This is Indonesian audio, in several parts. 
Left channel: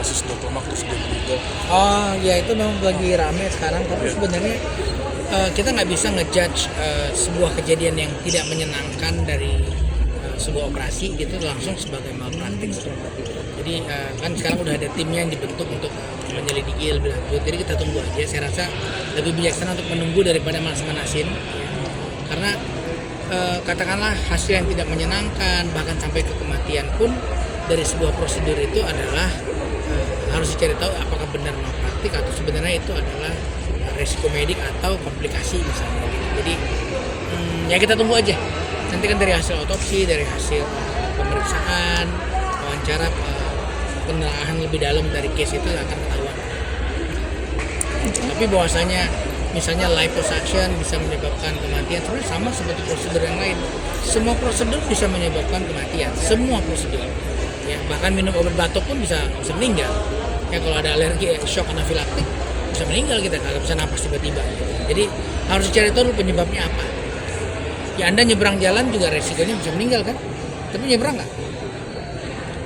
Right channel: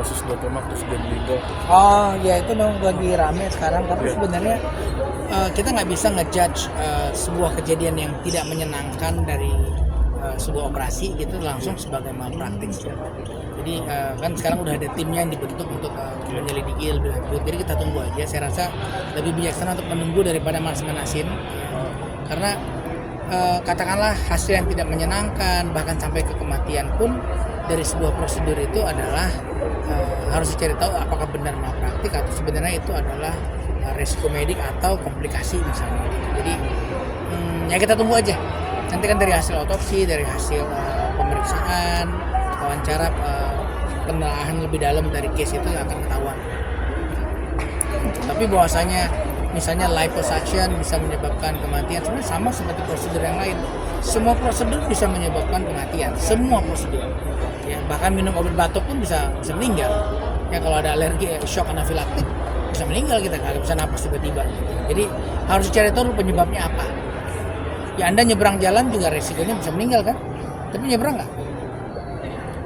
kasus Dr. Mark terus dia meninggal. Oh ya, itu memang lagi rame sekarang, tapi sebenarnya kita nggak bisa ngejudge sebuah kejadian yang tidak menyenangkan dari sebuah operasi gitu langsung sebagai malpraktik. Jadi kan sekarang udah ada timnya yang dibentuk untuk menyelidiki lebih lanjut. Jadi kita tunggu aja. Saya rasa lebih bijaksana untuk menunggu daripada manas-manasin, ya. Karena katakanlah hasil yang tidak menyenangkan bahkan sampai ke kematian pun dari sebuah prosedur itu adalah harus dicari tahu apakah benar malpraktik atau sebenarnya itu adalah resiko medik atau komplikasi misalnya gitu. Jadi ya kita tunggu aja. Nanti kan dari hasil otopsi, dari hasil pemeriksaan, wawancara, penelaahan lebih dalam dari case itu akan ketahuan. Tapi bahwasanya misalnya liposuction bisa menyebabkan kematian, sebenarnya sama seperti prosedur yang lain. Semua prosedur bisa menyebabkan kematian, semua prosedur. Ya, bahkan minum obat batuk pun bisa meninggal. Ya, kalau ada alergi, shock anafilaktik bisa meninggal kita, nggak bisa napas tiba-tiba. Gitu. Jadi harus dicari tahu penyebabnya apa. Ya Anda nyebrang jalan juga resikonya bisa meninggal kan, tapi nyebrang nggak?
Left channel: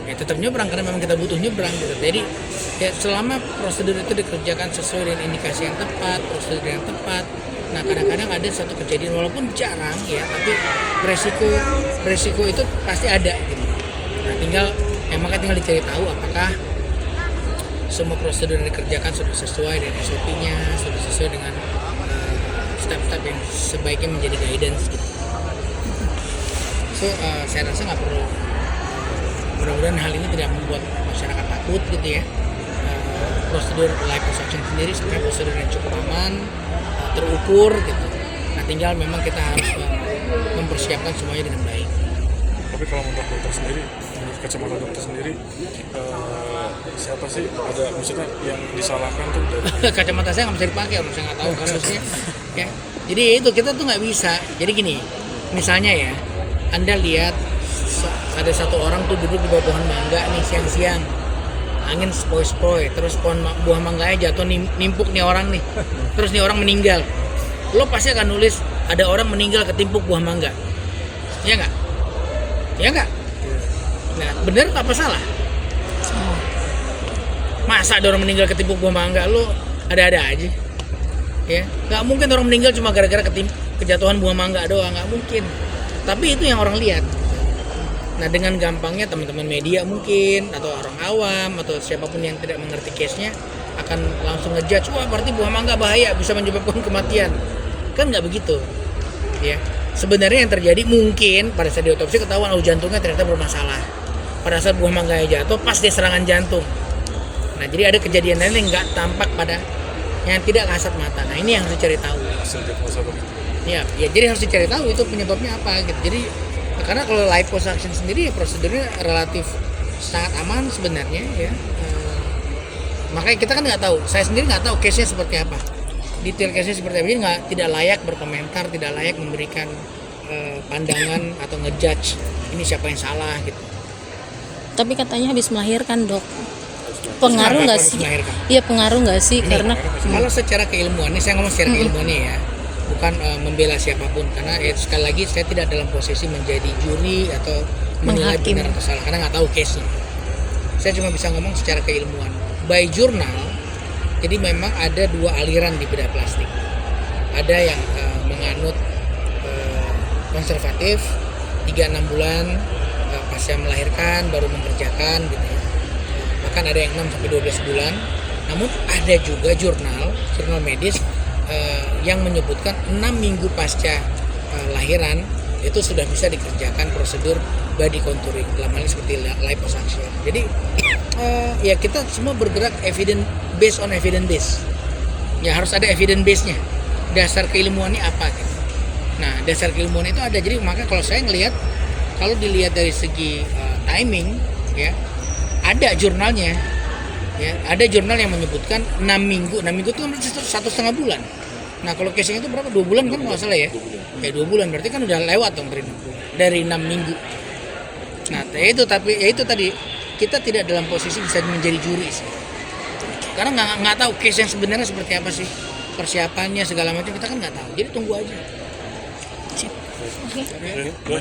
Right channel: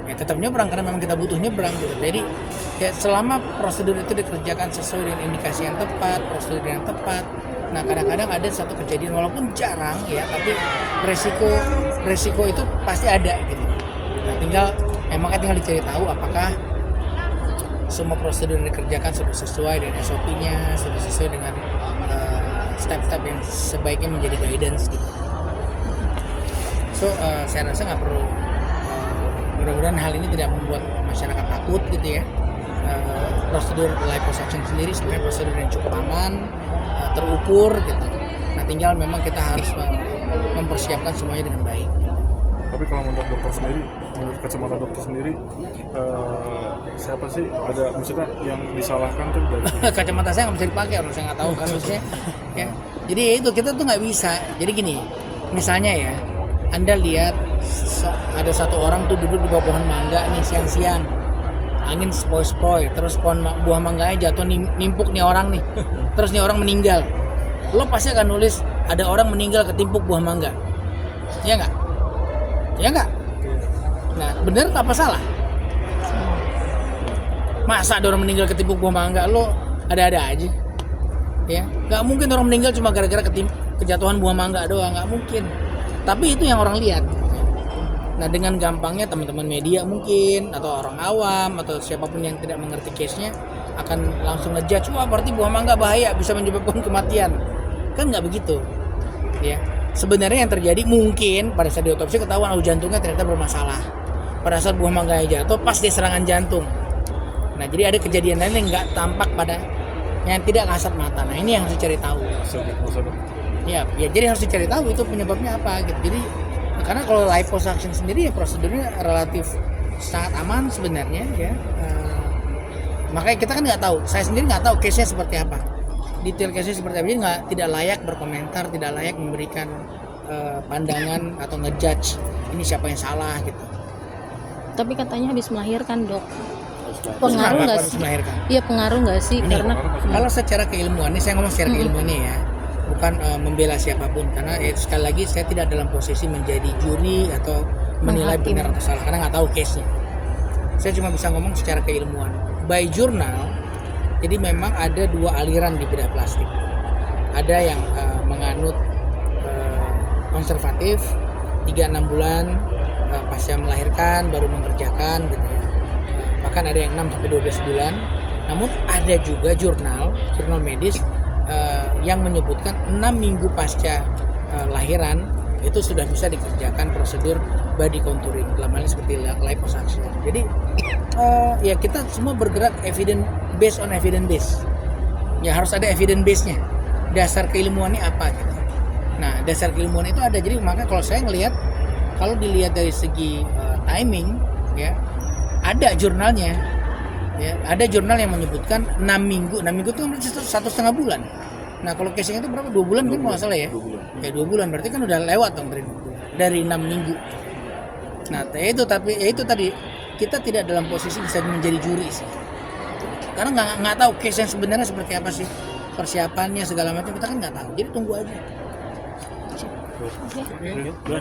Ya tetap nyebrang karena memang kita butuh nyebrang gitu. Jadi ya selama prosedur itu dikerjakan sesuai dengan indikasi yang tepat, prosedur yang tepat. Nah kadang-kadang ada satu kejadian walaupun jarang ya, tapi resiko itu pasti ada gitu. Nah makanya tinggal dicari tahu apakah semua prosedur yang dikerjakan sudah sesuai dengan SOP-nya, sudah sesuai dengan step-step yang sebaiknya menjadi guidance gitu. So saya rasa nggak perlu, mudah-mudahan hal ini tidak membuat masyarakat takut gitu ya. Prosedur liposuction sendiri sebenarnya prosedur yang cukup aman, terukur gitu. Nah tinggal memang kita harus mempersiapkan semuanya dengan baik. Tapi kalau menurut dokter sendiri, menurut kacamata dokter sendiri, siapa sih ada maksudnya yang disalahkan tuh? Kacamata saya nggak bisa dipakai, saya nggak tahu kasusnya. Ya, jadi itu kita tuh nggak bisa. Jadi gini, misalnya ya, Anda lihat ada satu orang tuh duduk di bawah pohon mangga nih siang-siang, angin sepoi-sepoi, terus buah mangganya jatuh nimpuk nih orang nih, terus nih orang meninggal. Lo pasti akan nulis ada orang meninggal ketimpuk buah mangga, ya nggak? Ya nggak? Nah bener apa salah? Masa ada orang meninggal ketimpuk buah mangga? Lo ada-ada aja, ya nggak mungkin orang meninggal cuma gara-gara kejatuhan buah mangga doang, nggak mungkin. Tapi itu yang orang lihat. Nah dengan gampangnya teman-teman media mungkin atau orang awam atau siapapun yang tidak mengerti case-nya akan langsung ngejudge, wah berarti buah mangga bahaya, bisa menyebabkan kematian. Kan nggak begitu, ya. Sebenarnya yang terjadi mungkin pada saat diotopsi ketahuan jantungnya ternyata bermasalah. Pada saat buah mangganya jatuh pas dia serangan jantung. Nah jadi ada kejadian lain yang nggak tampak pada yang tidak kasat mata. Nah ini yang harus dicari tahu. Ya jadi harus dicari tahu itu penyebabnya apa gitu. Jadi karena kalau liposuction sendiri ya prosedurnya relatif sangat aman sebenarnya ya. Makanya kita kan nggak tahu. Saya sendiri nggak tahu case-nya seperti apa. Detail case-nya seperti apa, jadi tidak layak berkomentar, tidak layak memberikan pandangan atau ngejudge ini siapa yang salah gitu. Tapi katanya habis melahirkan, Dok. Pengaruh nggak sih? Iya pengaruh nggak sih? Ini, karena kalau secara keilmuan, ini saya ngomong secara keilmuannya ya, bukan membela siapapun karena sekali lagi saya tidak dalam posisi menjadi juri atau menilai benar atau salah karena nggak tahu case-nya. Saya cuma bisa ngomong secara keilmuan. By journal, jadi memang ada dua aliran di bedah plastik. Ada yang menganut konservatif 3-6 bulan pasca melahirkan baru mengerjakan gitu. Bahkan ada yang 6-12 bulan. Namun ada juga jurnal medis yang menyebutkan 6 minggu pasca lahiran itu sudah bisa dikerjakan prosedur body contouring, dalam hal seperti liposuction. Jadi ya kita semua bergerak based on evidence base. Ya harus ada evidence base-nya. Dasar keilmuannya apa gitu. Nah, dasar keilmuan itu ada. Jadi makanya kalau saya ngelihat, kalau dilihat dari segi timing ya, ada jurnalnya. Ya, ada jurnal yang menyebutkan 6 minggu. 6 minggu itu berarti 1,5 bulan. Nah, kalau case-nya itu berapa? 2 bulan kan kalau salah ya. Ya 2 bulan berarti kan udah lewat dong dari 6 minggu. Nah, itu tadi kita tidak dalam posisi bisa menjadi juri sih. Karena nggak tahu case yang sebenarnya seperti apa sih, persiapannya segala macam kita kan nggak tahu. Jadi tunggu aja. Sip. Oke.